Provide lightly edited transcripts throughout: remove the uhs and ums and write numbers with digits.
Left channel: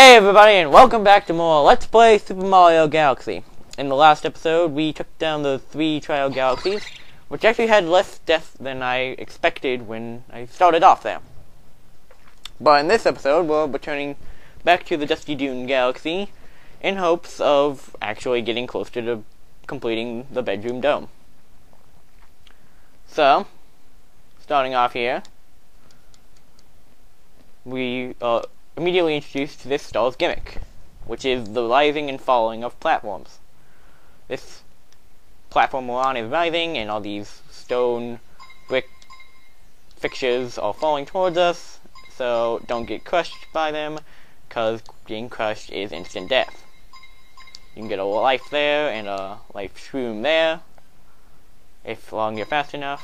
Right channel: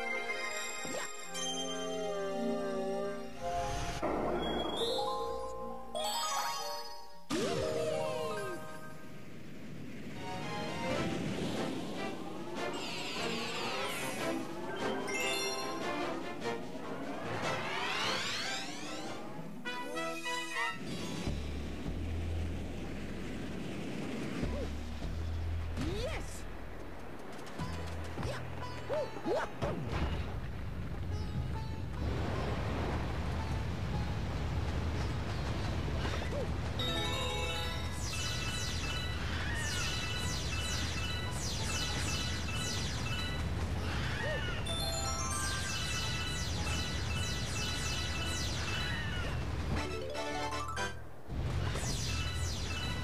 Hey everybody, and welcome back to more Let's Play Super Mario Galaxy. In the last episode, we took down the 3 trial galaxies, which actually had less death than I expected when I started off there. But in this episode, we're returning back to the Dusty Dune Galaxy in hopes of actually getting closer to completing the bedroom dome. So, starting off here, we immediately introduced this stall's gimmick, which is the rising and falling of platforms. This platform we're on is rising, and all these stone brick fixtures are falling towards us, so don't get crushed by them, because being crushed is instant death. You can get a life there, and a life shroom there, as long as you're fast enough.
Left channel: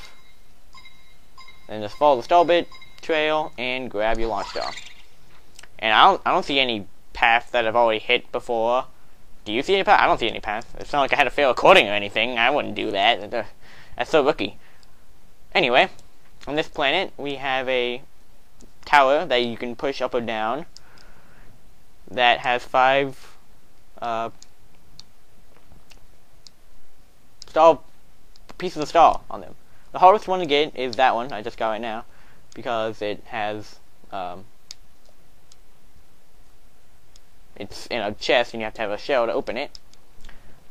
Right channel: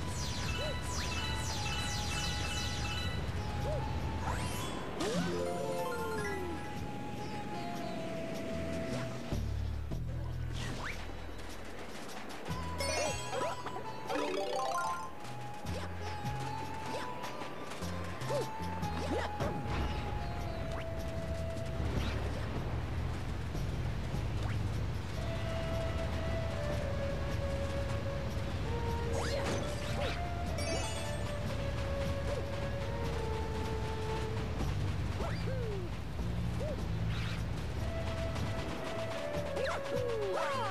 And just follow the stall bit trail, and grab your launch star. And I don't see any path that I've already hit before. Do you see any path? I don't see any path. It's not like I had to fail recording or anything. I wouldn't do that. That's so rookie. Anyway, on this planet, we have a tower that you can push up or down that has 5 pieces of stall on it. The hardest one to get is that one I just got right now, because it has it's in a chest and you have to have a shell to open it.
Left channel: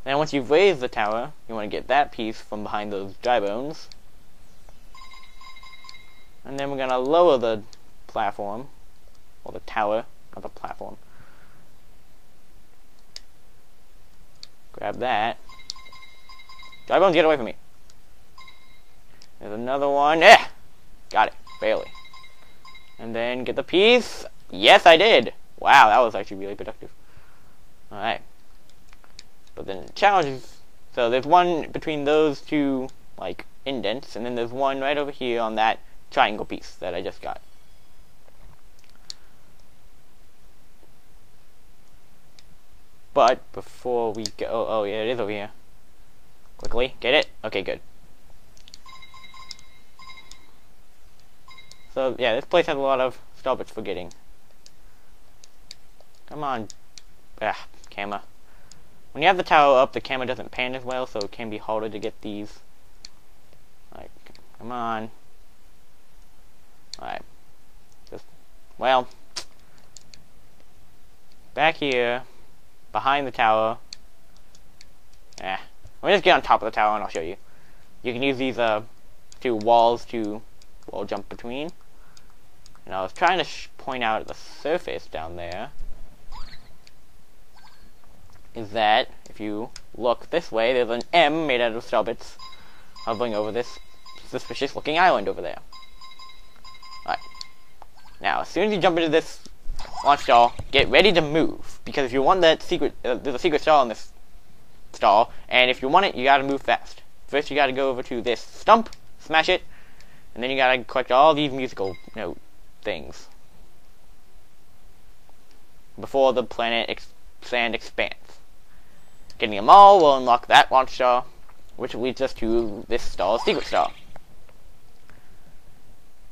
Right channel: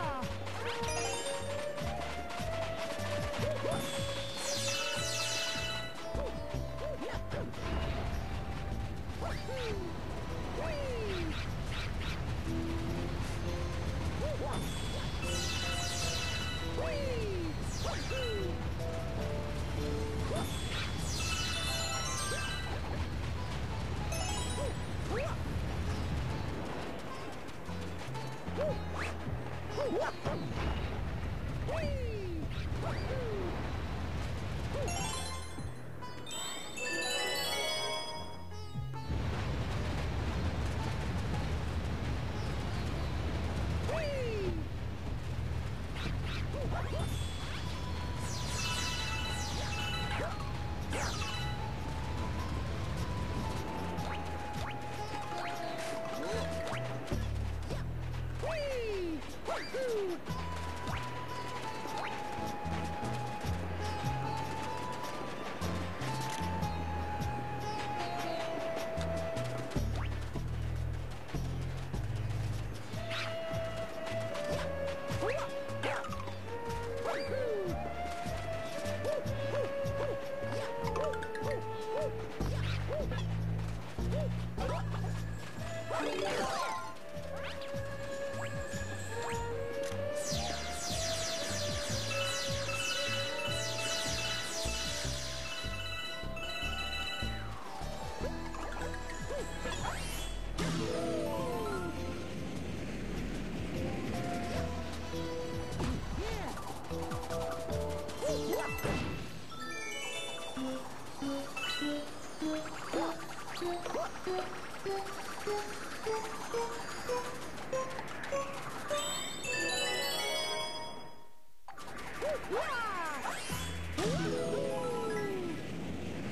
Now once you've raised the tower, you want to get that piece from behind those dry bones. And then we're going to lower the platform, or the tower of the platform. Grab that. Dry bones, get away from me. There's another one. Eh! Got it. Barely. And then get the piece. Yes, I did. Wow, that was actually really productive. Alright. So then challenges. So there's one between those two, like, indents, and then there's one right over here on that triangle piece that I just got. But before we go, oh yeah, it is over here. Quickly, get it? Okay, good. So yeah, this place has a lot of stuff it's forgetting. Come on. Ah, camera. When you have the tower up, the camera doesn't pan as well, so it can be harder to get these. Come on. Alright. Well. Back here. Behind the tower. Yeah. Let me just get on top of the tower and I'll show you. You can use these 2 walls to jump between. And I was trying to point out at the surface down there is that if you look this way, there's an M made out of shelbits hovering over this suspicious looking island over there. Alright. Now, as soon as you jump into this launch stall, get ready to move, because if you want that secret, there's a secret stall in this stall, and if you want it, you gotta move fast. First, you gotta go over to this stump, smash it, and then you gotta collect all these musical note things before the planet sand expands. Getting them all will unlock that launch star, which leads us to this stall's secret star.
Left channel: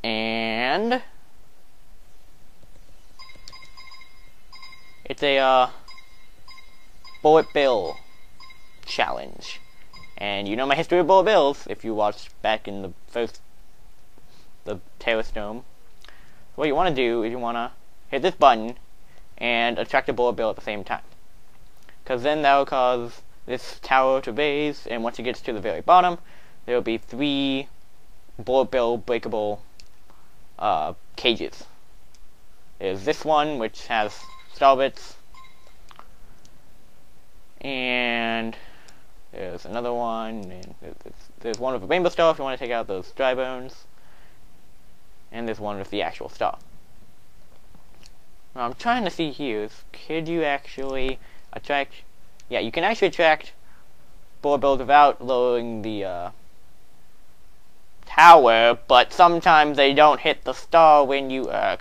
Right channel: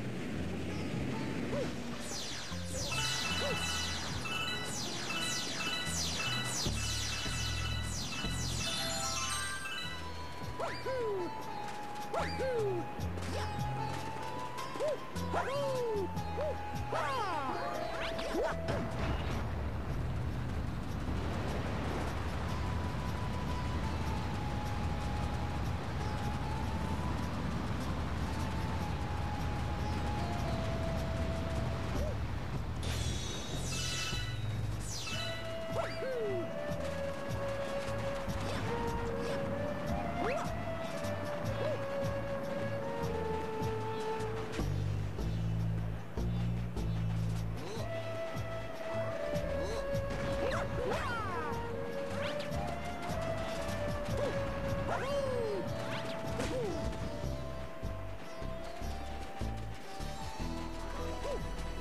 And it's a bullet bill challenge. And you know my history of bullet bills if you watched back in the Terrace Dome. What you want to do is you want to hit this button and attract a bullet bill at the same time, because then that will cause this tower to raise, and once it gets to the very bottom, there will be 3 bullet bill breakable cages. There's this one, which has star bits, and there's another one. There's one with a rainbow star if you want to take out those dry bones, and there's one with the actual star. What I'm trying to see here is, could you actually attract... Yeah, you can actually attract bullet bills without lowering the tower, but sometimes they don't hit the star when you... I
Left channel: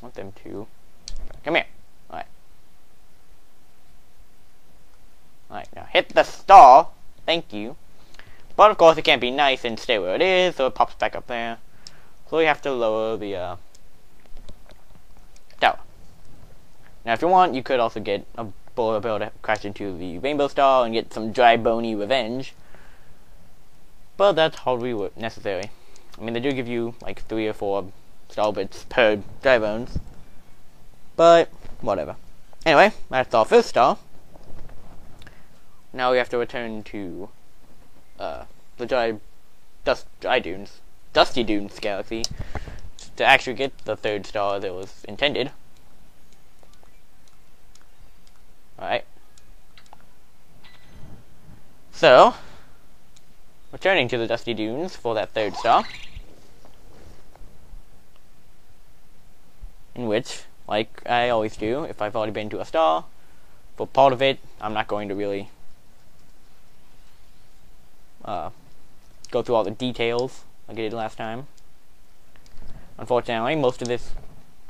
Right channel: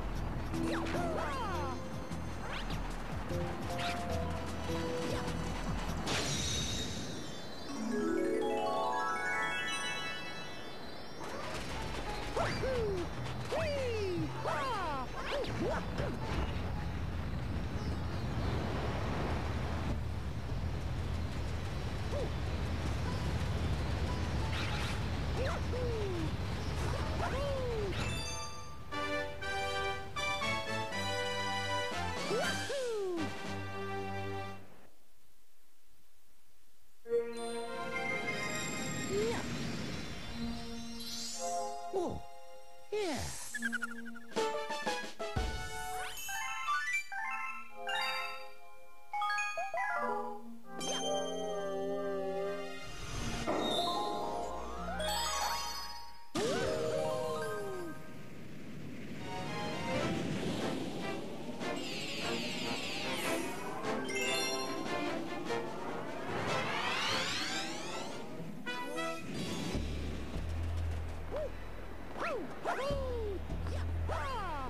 want them to... Come here. Alright. Alright, now hit the star. Thank you. But of course it can't be nice and stay where it is, so it pops back up there. So we have to lower the... No. Now, if you want, you could also get a bullet bill to crash into the Rainbow Star and get some dry bony revenge. But that's hardly necessary. I mean, they do give you like 3 or 4 star bits per dry bones. But whatever. Anyway, that's our first star. Now we have to return to the Dusty Dunes galaxy to actually get the 3rd star that was intended. Alright. So, returning to the Dusty Dunes for that 3rd star. In which, like I always do, if I've already been to a star, for part of it, I'm not going to really go through all the details like I did last time. Unfortunately, most of this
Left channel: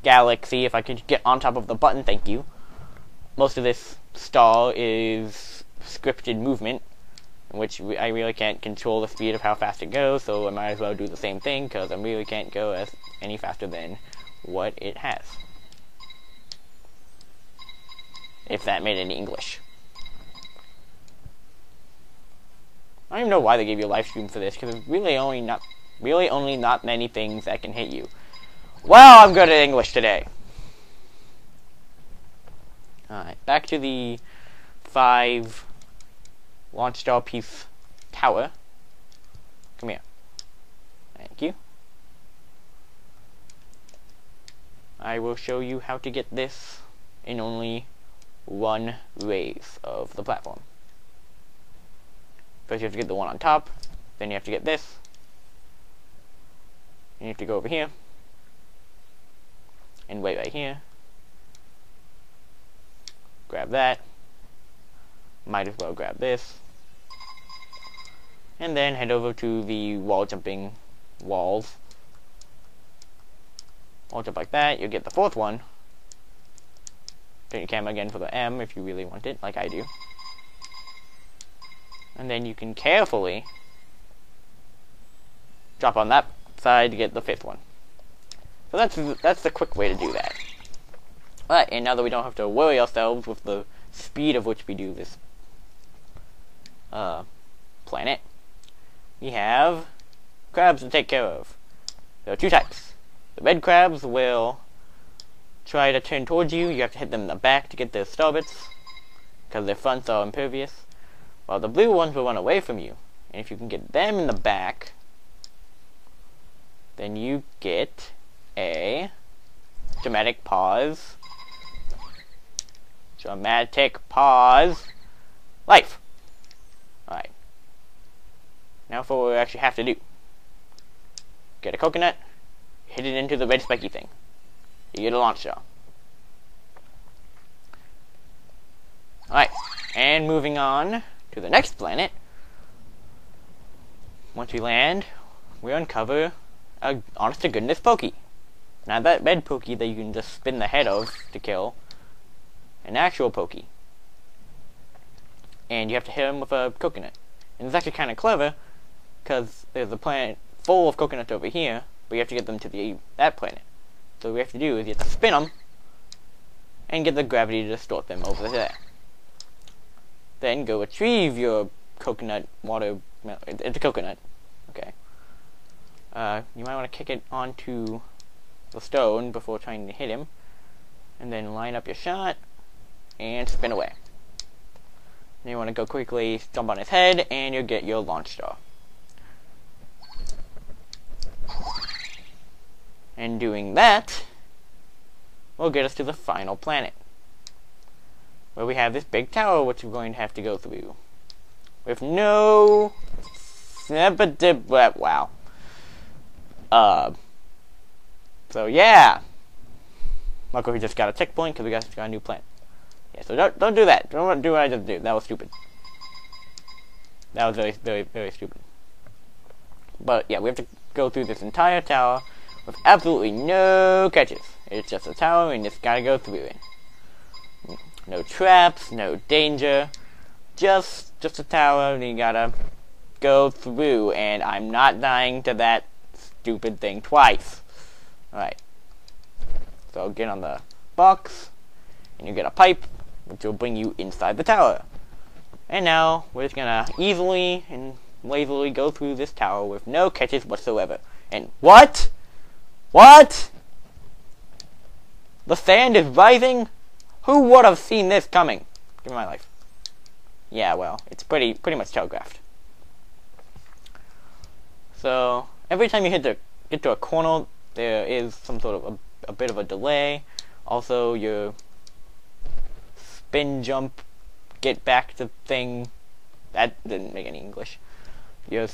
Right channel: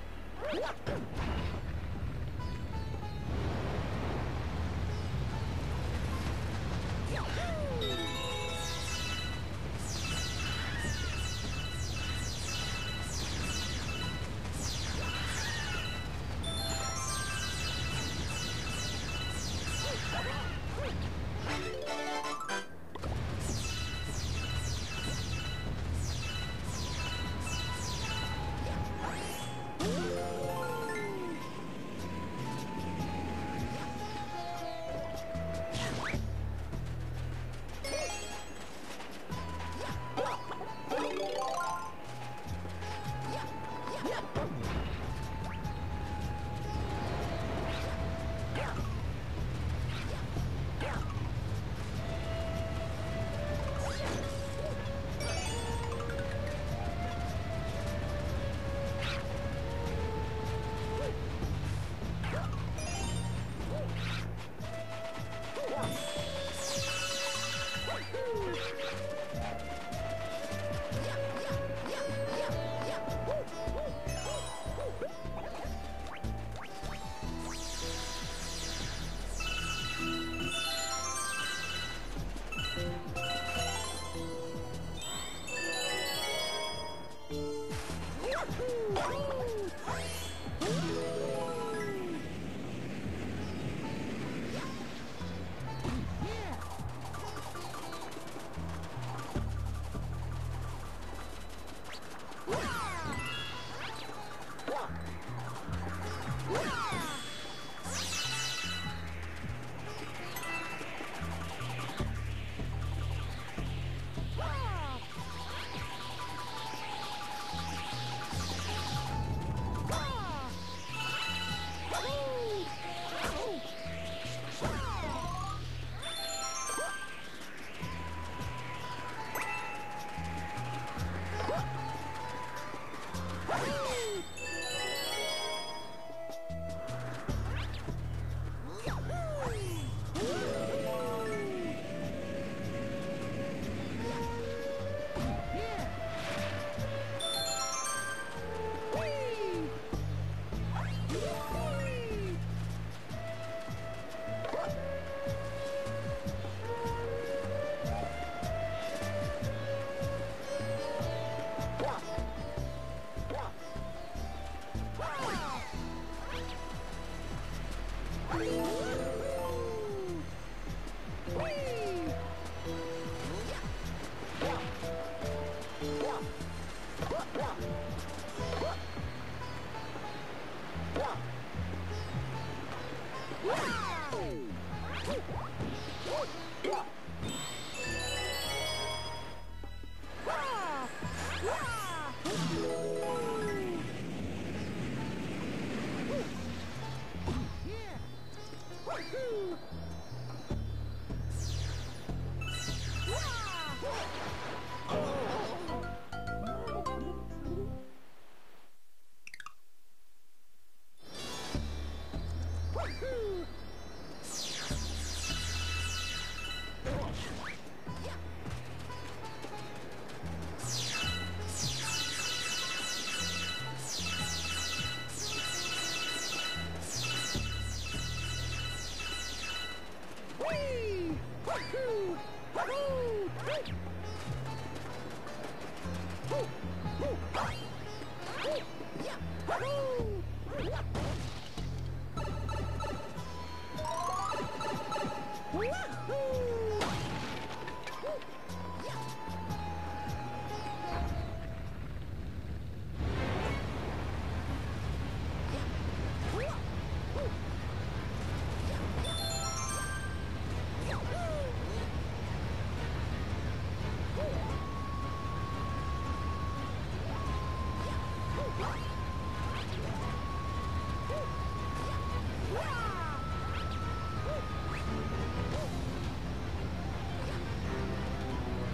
galaxy, if I could get on top of the button, thank you. Most of this star is scripted movement, which I really can't control the speed of how fast it goes, so I might as well do the same thing, because I really can't go any faster than what it has. If that made any English. I don't even know why they gave you a life stream for this, because it's really only not many things that can hit you. Well, I'm good at English today. Alright, back to the 5 launch star piece tower. Come here. Thank you. I will show you how to get this in only 1 raise of the platform. First you have to get the one on top, then you have to get this. You have to go over here, and wait right here. Grab that. Might as well grab this. And then head over to the wall jumping walls. Wall jump like that, you'll get the 4th one. Turn your camera again for the M if you really want it, like I do. And then you can carefully drop on that side to get the 5th one. So that's the quick way to do that. But, and now that we don't have to worry ourselves with the speed of which we do this planet, we have crabs to take care of. There are 2 types. The red crabs will try to turn towards you. You have to hit them in the back to get their star bits, because their fronts are impervious. While the blue ones will run away from you. And if you can get them in the back, then you get a dramatic pause. Dramatic pause. Life. Alright. Now for what we actually have to do. Get a coconut, hit it into the red spiky thing. You get a launch star. Alright, and moving on to the next planet. Once we land, we uncover a honest to goodness Pokey. Now that red Pokey that you can just spin the head of to kill, an actual Pokey. And you have to hit him with a coconut. And it's actually kind of clever, because there's a planet full of coconuts over here, but you have to get them to that planet. So what we have to do is you have to spin them, and get the gravity to distort them over there. Then go retrieve your coconut water. No, it's a coconut. Okay. You might want to kick it onto the stone before trying to hit him. And then line up your shot and spin away. Then you want to go quickly jump on his head and you'll get your launch star. And doing that will get us to the final planet, where we have this big tower which we're going to have to go through. With no... wow. So yeah. Luckily we just got a checkpoint because we got a new planet. Yeah, so don't do that. Don't do what I just did. That was stupid. That was very, very, very stupid. But yeah, we have to go through this entire tower with absolutely no catches. It's just a tower and you just gotta go through it. No traps, no danger. Just a tower and you gotta go through, and I'm not dying to that stupid thing twice. Right. So get on the box. and you get a pipe, which will bring you inside the tower. And now, we're just gonna easily and lazily go through this tower with no catches whatsoever. And what? What? The sand is rising? Who would have seen this coming in my life? Yeah, well, it's pretty much telegraphed. So every time you get to a corner, there is some sort of a bit of a delay. Also, your spin jump, get back to thing, that didn't make any English. Your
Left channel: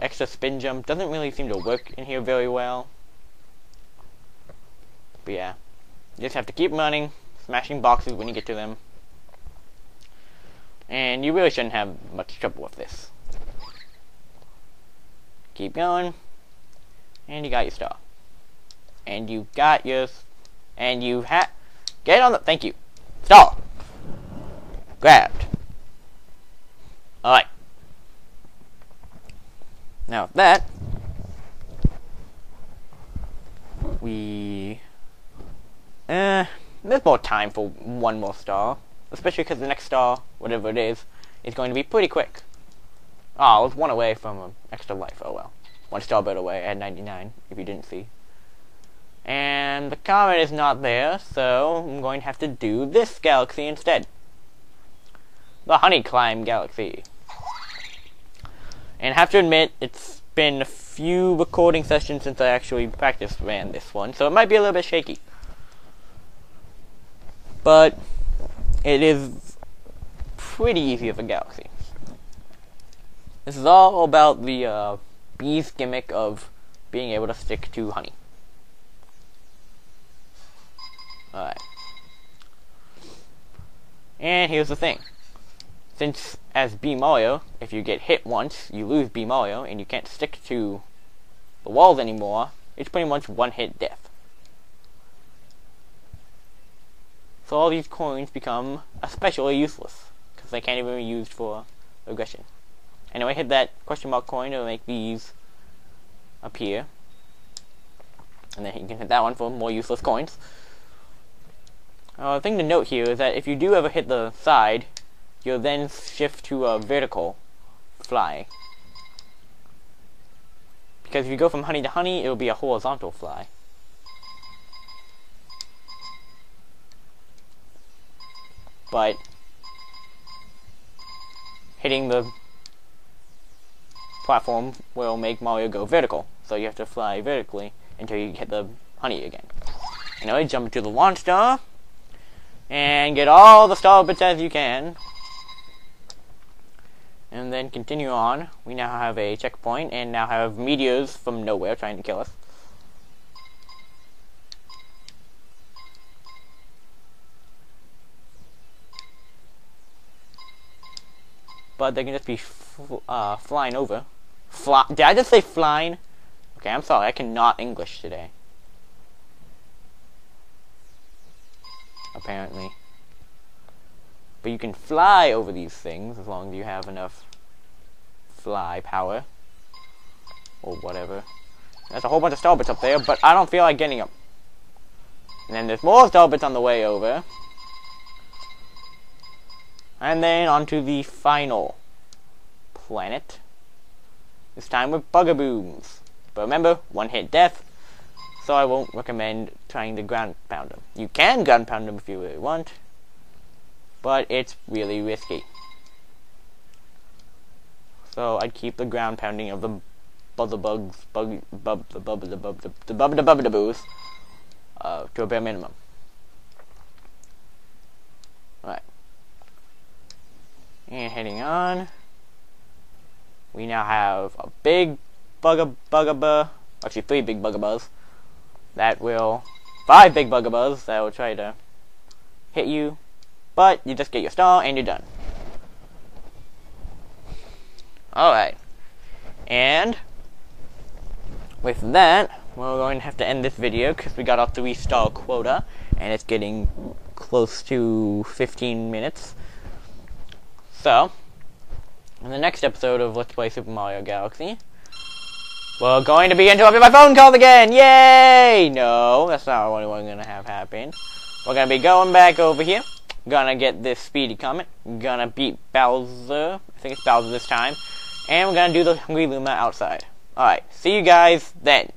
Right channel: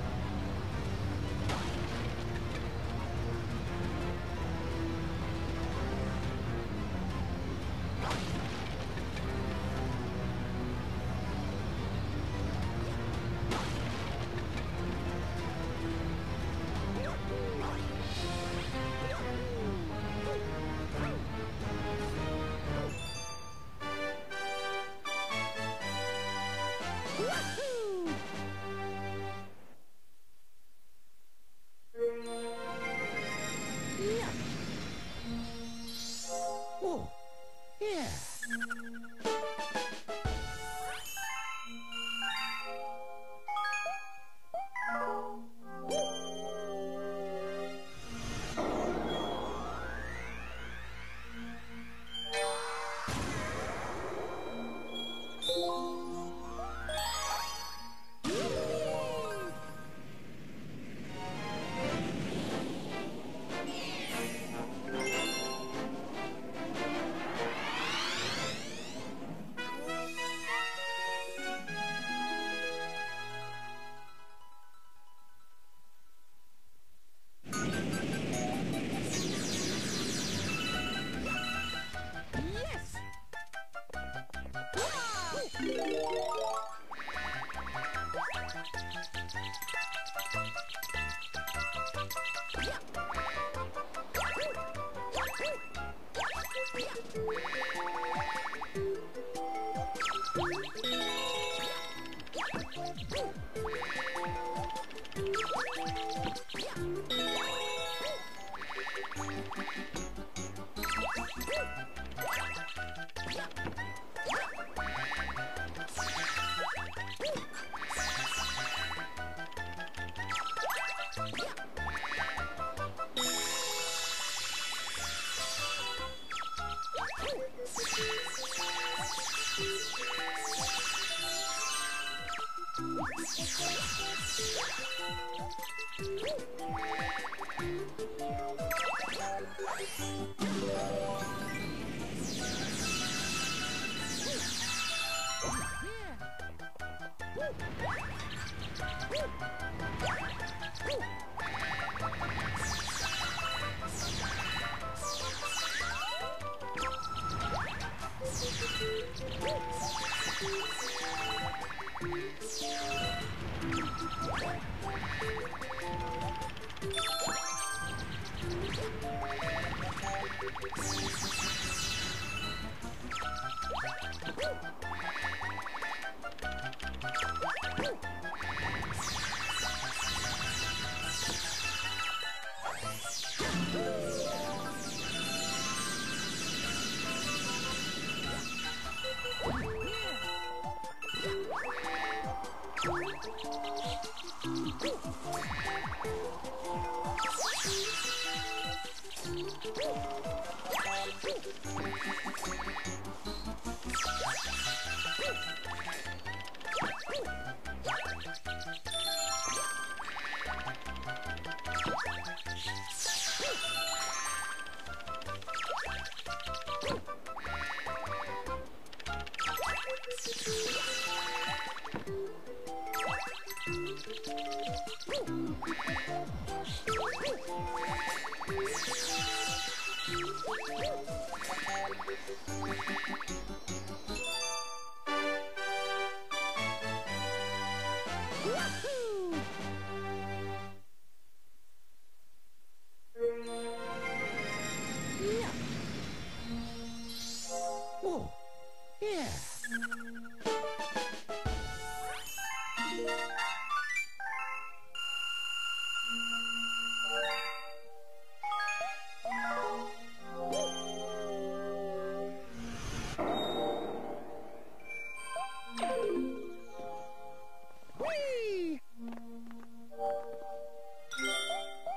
extra spin jump doesn't really seem to work in here very well. But yeah, you just have to keep running, smashing boxes when you get to them. And you really shouldn't have much trouble with this. Keep going. And you got your star. And you got your... And you get on the... Thank you. Stall. Grabbed. Alright. Now with that... There's more time for one more star. Especially because the next star, whatever it is going to be pretty quick. Oh, I was one away from an extra life. Oh well. One star bit away at 99, if you didn't see. And the comet is not there, so I'm going to have to do this galaxy instead. The Honeyclimb Galaxy. And I have to admit, it's been a few recording sessions since I actually ran this one, so it might be a little bit shaky. But it is pretty easy of a galaxy. This is all about the bee's gimmick of being able to stick to honey. Alright. And here's the thing. Since, as Bee Mario, if you get hit once, you lose Bee Mario, and you can't stick to the walls anymore, it's pretty much one-hit death. So all these coins become especially useless. They can't even be used for aggression. Anyway, hit that question mark coin to make these appear. And then you can hit that one for more useless coins. The thing to note here is that if you do ever hit the side, you'll then shift to a vertical fly. Because if you go from honey to honey, it will be a horizontal fly. But hitting the platform will make Mario go vertical, so you have to fly vertically until you hit the honey again. Anyway, jump to the launch star, and get all the star bits as you can. And then continue on. We now have a checkpoint, and now have meteors from nowhere trying to kill us. But they can just be flying over. Did I just say flying? Okay, I'm sorry, I cannot English today. Apparently. But you can fly over these things as long as you have enough fly power. Or whatever. There's a whole bunch of star bits up there, but I don't feel like getting them. And then there's more star bits on the way over. And then onto the final planet. This time with bugaboos. But remember, one-hit death, so I won't recommend trying to ground pound them. You can ground pound them if you really want, but it's really risky. So I'd keep the ground pounding of the bugaboos to a bare minimum. And heading on, we now have a big bugaboo, actually 3 big bugaboos, that will, 5 big bugaboos that will try to hit you, but you just get your star and you're done. Alright, and with that, we're going to have to end this video because we got our 3-star quota, and it's getting close to 15 minutes. So, in the next episode of Let's Play Super Mario Galaxy, we're going to be interrupted by phone calls again! Yay! No, that's not what we're going to have happen. We're gonna be going back over here. Gonna get this speedy comet. Gonna beat Bowser. I think it's Bowser this time. And we're gonna do the Hungry Luma outside. Alright, see you guys then.